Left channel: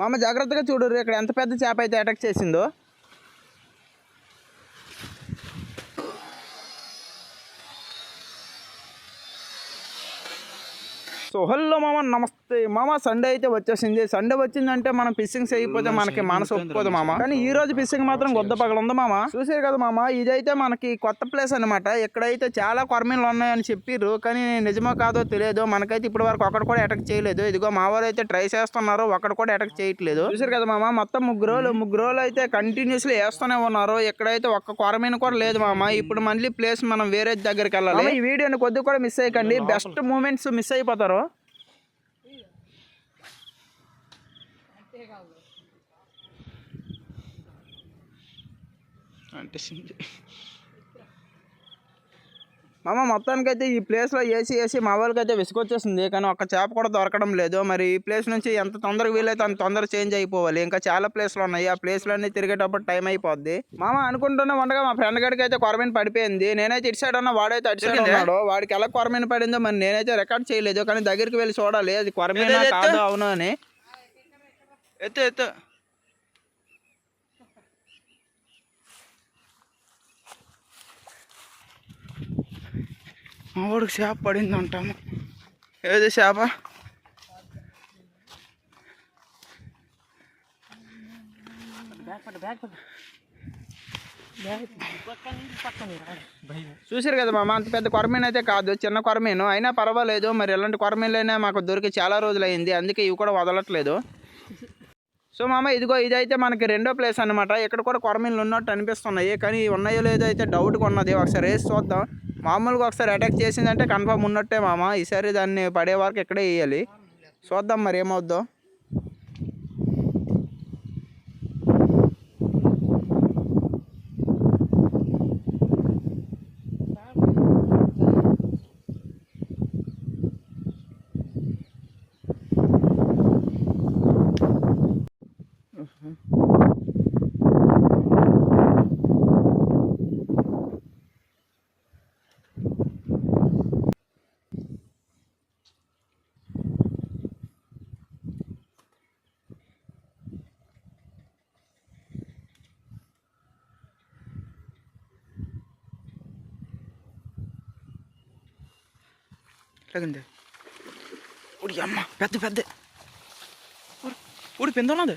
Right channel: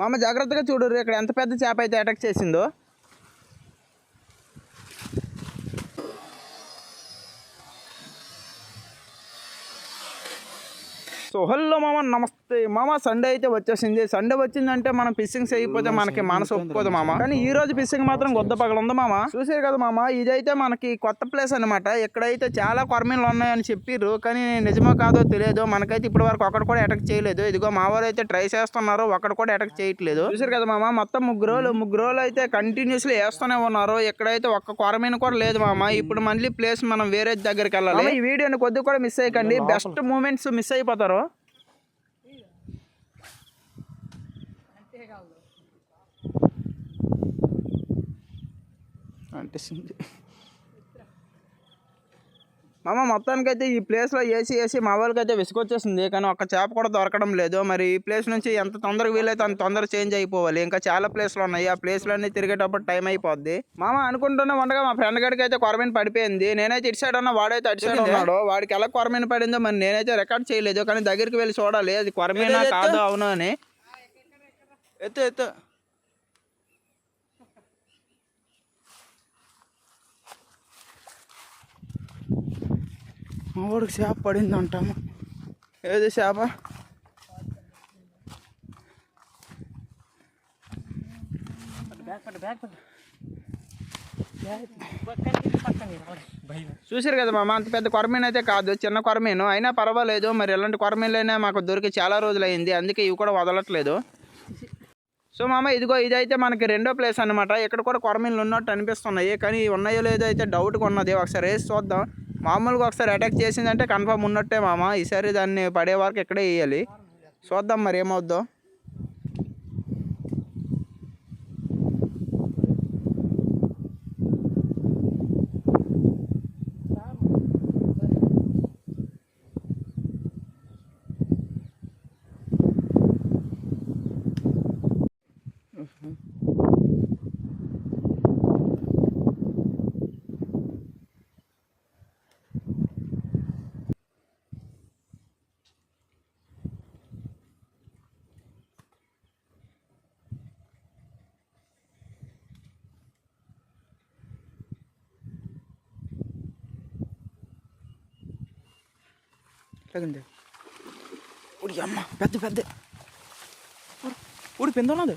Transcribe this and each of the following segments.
మామ జాగ్రత్తగా చూడు, ఇక్కడ ఎంత పెద్ద చేప అయితే అటాక్ చేసిందో. సో హలో మామ, నమస్తే మామ. సండే అయితే వచ్చేసింది. సండే వచ్చిందంటే మనం ఫిషింగ్ చేయకపోతే మనకి మనసు ఒప్పుకోదు మామ. కానీ ఈ రోజు ఫిషింగ్ మాత్రం గొద్ద పగల ఉంది మామ. చూసారు కదా మామ, ఇదైతే మనకి కొత్త ప్లేస్ అనమాట. ఇక్కడైతే చాలా కొరమీన్లు ఉన్నాయని చెప్పిర్రు, కానీ నిజమో కాదో తెలియదు. మనకైతే ఇప్పటి వరకు ఒకటి కూడా అటాక్ చేయలేదు. ఇదిగో మా వారు అయితే ట్రై చేస్తున్నారు, ఒకటి కూడా అటాక్ చేయట్లేదు. చూసారు కదా మామ, మొత్తం ముగ్గురు రోజులు అయితే కంటిన్యూస్లీ వేస్తూనే ఉన్నారు. ఇక్కడైతే ఒక్క కొరమీన్ కూడా లేదు మామ. ఇప్పుడు మళ్ళీ ప్లేస్ మనం వేరే దగ్గరికి వెళ్ళాలి. ఈ వీడియోని కొద్దిగా కూడా మిస్ అయ్యకండి, బెస్ట్ మూమెంట్స్ మిస్ అయిపోతారు. అంటే మామ మొత్తానికి అయితే ఈ ప్లేస్లో వేసి మా వాళ్ళకి అయితే విసుకొచ్చేసింది. కానీ ఒక్క చేప కూడా దొరకడం లేదు. మరి ఈ ప్లేస్ నుంచి ఎంత తొందరగా వీలైతే అంత తొందరగా చేంజ్ అయిపోవాలి. ఇంకా చాలా ప్లేస్లు ఉన్నాయి, ఆ ప్లేస్లన్నీ తిరిగేటప్పుడు టైం అయిపోద్ది. మామ అనుకుంటున్నా ఉండగా మా ఫ్రెండ్ గడికి అయితే కొరమీన్ పడిపోయింది. నేనైతే ఇటు సైడ్ ఉన్నా, వాడైతే అటు సైడ్ ఉన్నాడు. వాడికి ఎలా కొరమీన్ పడిందో మరి నేనైతే రికార్డ్ చేయలేదు. కానీ దగ్గరికి వెళ్ళి చూడాలి అది కొరమీనా కాదు అవును అని. ఎత్తు మా వాడికి చేప పడింది అంటాము. ఏది చేప? చూసారు కదా మామ, అంత పెద్ద కొరమీన్ అయితే కాదు, చిన్న కొరమీను. అయినా పర్వాలేదు. మరి ఎలాంటి కొరమీన్లైనా మాకు దొరికి చాలా రోజులు అయింది, అందుకే ఇవి కూడా వదలట్లేదు. సో మామ ఇదిగో ఇదైతే మనకి రెండో ప్లేస్ అనమాట. ఇక్కడ కూడా కొరమీన్లు ఉన్నట్టు అనిపిస్తున్నాయి, కానీ ఉన్నాయో లేదో అయితే డౌట్గా ఉన్నది. ఒకసారి వేసి చూద్దాం. మామూలుగా ఒకసారి అటాక్ చేసిందంటే కన్ఫర్మ్ ఉన్నట్టే మామ. ఈసారి దాన్ని పడే వరకు ఇక్కడే వేయాలి. చూద్దాం మరి ఏమవుద్దో. ఎట్లాగండి ఉడి అమ్మ, పెద్ద ఊడి పెంద ఉన్నది.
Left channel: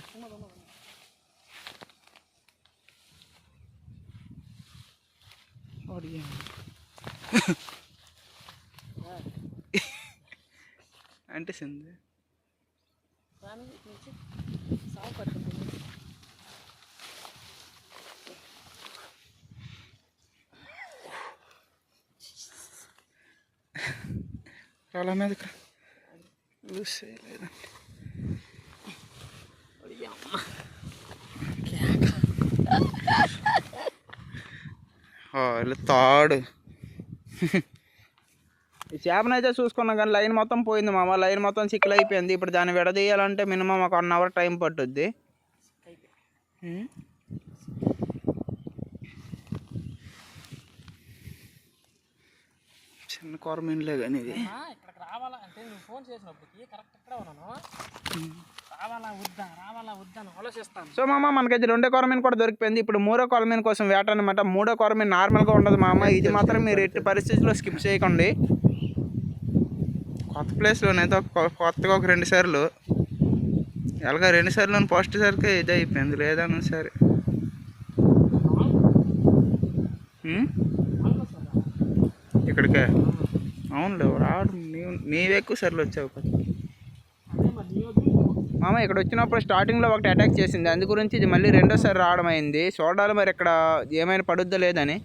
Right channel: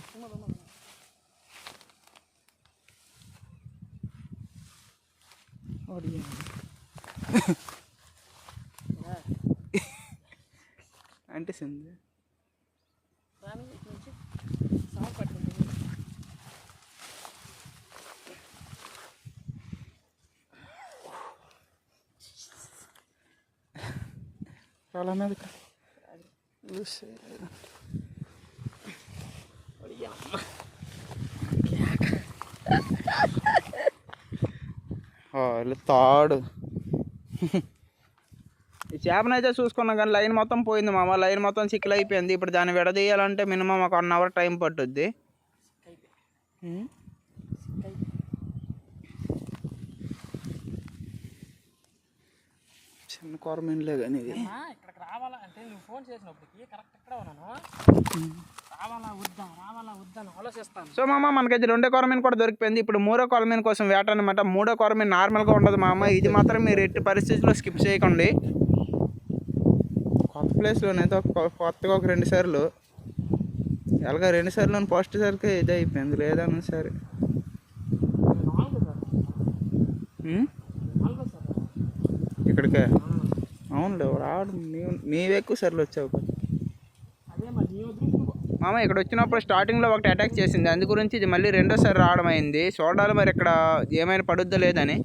అంటే సింది రాళ్ళ మీద తాడు. ఈ చేపను అయితే చూసుకున్నాం కానీ లైన్ మొత్తం పోయింది మామ. లైన్ మొత్తం చిక్కులు అయిపోయింది. ఇప్పుడు దాన్ని విడదీయాలంటే మినిమం ఒక 1 అవర్ టైం పట్టుద్ది. చిన్న కొరమీన్లే కానీ ఇది. సో మామ మనకైతే 2వ కొరమీన్ కూడా దొరికిపోయింది. ఇప్పుడు 3వ కొరమీన్ కోసం వేట అనమాట. 3వ కొరమీన్ నార్మల్గా ఉండదు మామ. ఇది మాత్రం మీరు ఎట్టి పరిస్థితుల్లో స్కిప్ చేయకండి. కొత్త ప్లేస్లోనైతే కొత్తగా ఒక 2 సార్లు ఎలాగ 2 సార్లు ఫస్ట్ సారికి ఇది అయిపోయింది. లేదన్నా సరే ఇక్కడికే అవునులే రావడం. నీవు ఎక్కువ సార్లు వచ్చావు మామ. ఇక్కడ వచ్చినప్పుడు స్టార్టింగ్లో ఒకటి అటాక్ చేసింది, అందు గురించి ఇది మళ్ళీ 2వ సారి రావడం అయింది. చూడాలి మరి ఇక్కడ ఏమైనా పడుద్దా లేదని.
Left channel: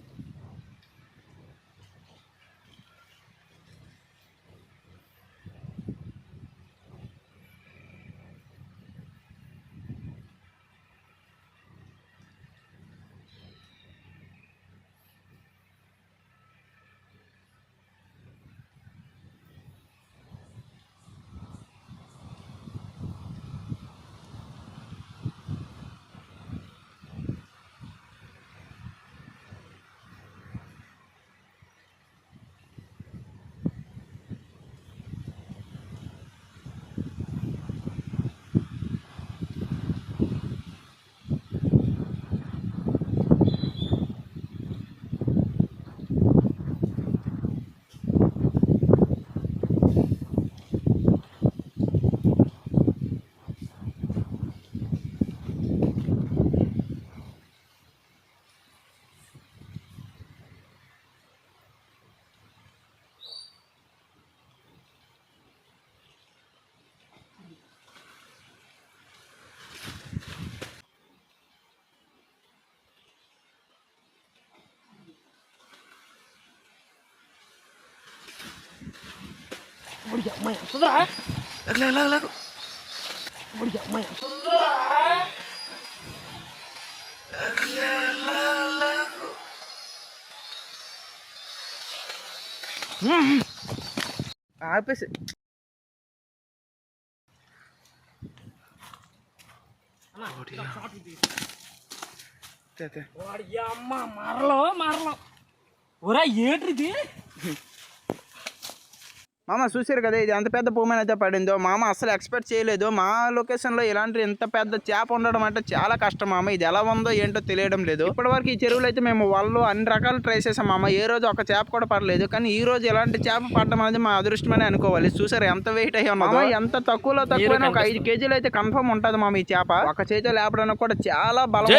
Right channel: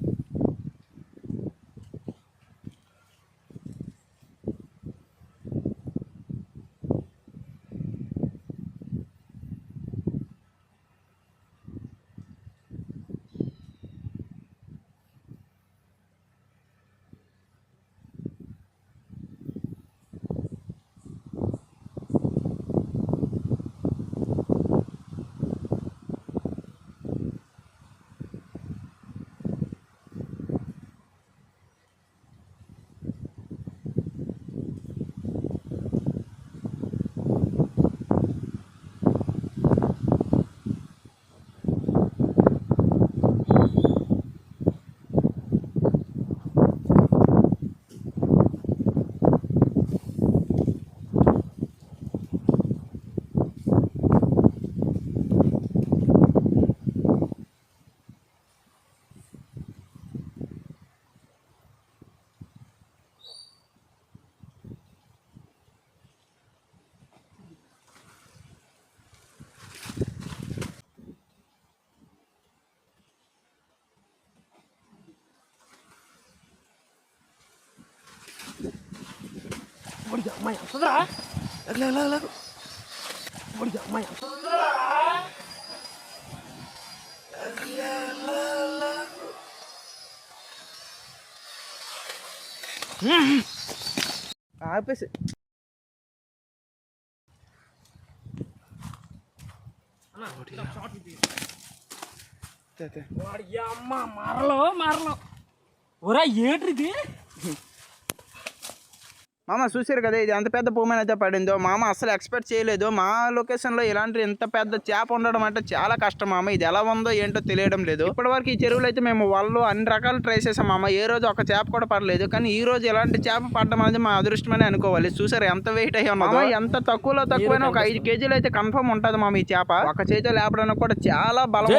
ఆపేసి మారలో ఒరా ఏంటిది మామ చూసారు కదా ఇది ఎంత పెద్ద భూమి అయితే పడిందో మామ అసలు ఎక్స్పెక్ట్ చేయలేదు మా లొకేషన్లో ఇలాంటి ఇంత పెద్ద చేప ఉండడం అంటే చాలా కష్టం మామ ఇది ఎలా ఉందో ఏంటో తెలియడం లేదు ఇప్పటివరకు ఈ చెరువులో అయితే మేము వాళ్ళు అన్ని రకాలు ట్రై చేసాం మామ ఏ రోజు ఒక చేప కూడా పడలేదు కానీ ఈ రోజు ఇలాంటి చేప పడడం అనేది మా అదృష్టమని అనుకోవాలి చూసారు ఎంత వెయిట్ అయ్యి ఉన్నదో ఎంత తక్కువలో తక్కువైనా ఒక 5 కేజీలు అయితే కన్ఫర్మ్ ఉంటది మామ ఈ చేప ఒక చేతితో లేపడానికి కూడా చాలా బలం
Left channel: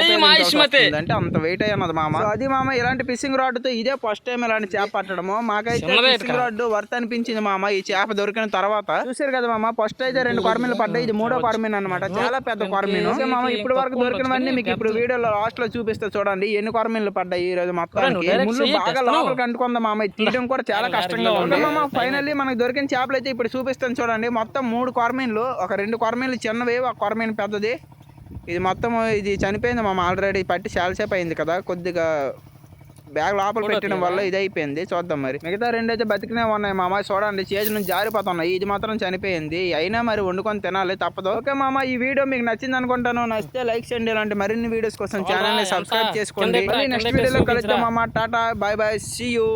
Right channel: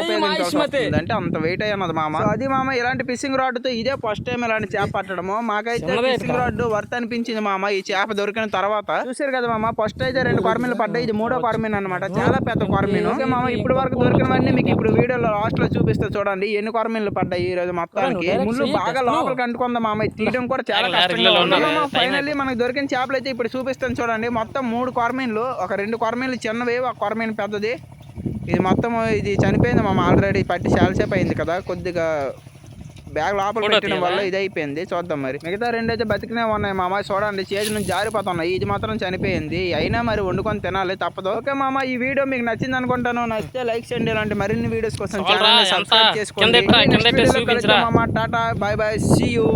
అంటే అంత వెయిట్ అయ్యి ఉన్నది మామ అది మామ ఇలాంటి ఫిషింగ్ రాడ్ తో ఇదే ఫస్ట్ టైం ఇలాంటి చేప పట్టడము మాకైతే ఫిషింగ్ రాడ్ వర్త్ అనిపించింది మామ ఈ చేప దొరికిన తర్వాత చూసారు కదా మామ ఫస్ట్ అయితే 2 కొరమీన్లు పడ్డాయి ఇది 3వ కొరమీన్ అనమాట చాలా పెద్ద కొరమీన్ మామ ఇప్పుడు వరకు దొరికినవన్నీ మీకు ఇప్పుడు వీడియోలో లాస్ట్ లో చూపిస్తే చూడండి ఎన్ని కొరమీన్లు పడ్డాయి ఈ రోజు మొత్తానికి ముళ్ళు బాగా లోపలికి అంటుకుందా మామ తీయడం కూడా చాలా కష్టంగా ఉంది మామ ఫైనల్లీ మనకు దొరికిన చేపలు అయితే ఇప్పుడు చూపిస్తాను చూడండి మొత్తం 3 కొరమీన్లు ఒక 2 కొరమీన్లు చిన్నవి ఒక కొరమీన్ పెద్దది ఇది మొత్తం ఇది చనిపోయింది మామ ఆల్రెడీ పట్టి చాలాసేపు అయింది కదా కొద్దిగా బ్యాగ్ లోపల పెట్టడం వల్ల ఇది అయిపోయింది చూద్దాం మరి మిగతా 2 అయితే బతికినే ఉన్నాయి మామ చూడండి చేతి నుంచి జారిపోతున్నాయి ఇది మాత్రం చనిపోయింది అయినా మరి వండుకొని తినాలి తప్పదు ఓకే మామ ఈ వీడియో మీకు నచ్చింది అనుకుంటాను నచ్చితే లైక్ చేయండి ఇలాంటి మరిన్ని వీడియోస్ కోసం ఛానల్ ని సబ్స్క్రైబ్ చేసుకోండి నెక్స్ట్ వీడియోలో కలుద్దాం మామ tata bye bye see you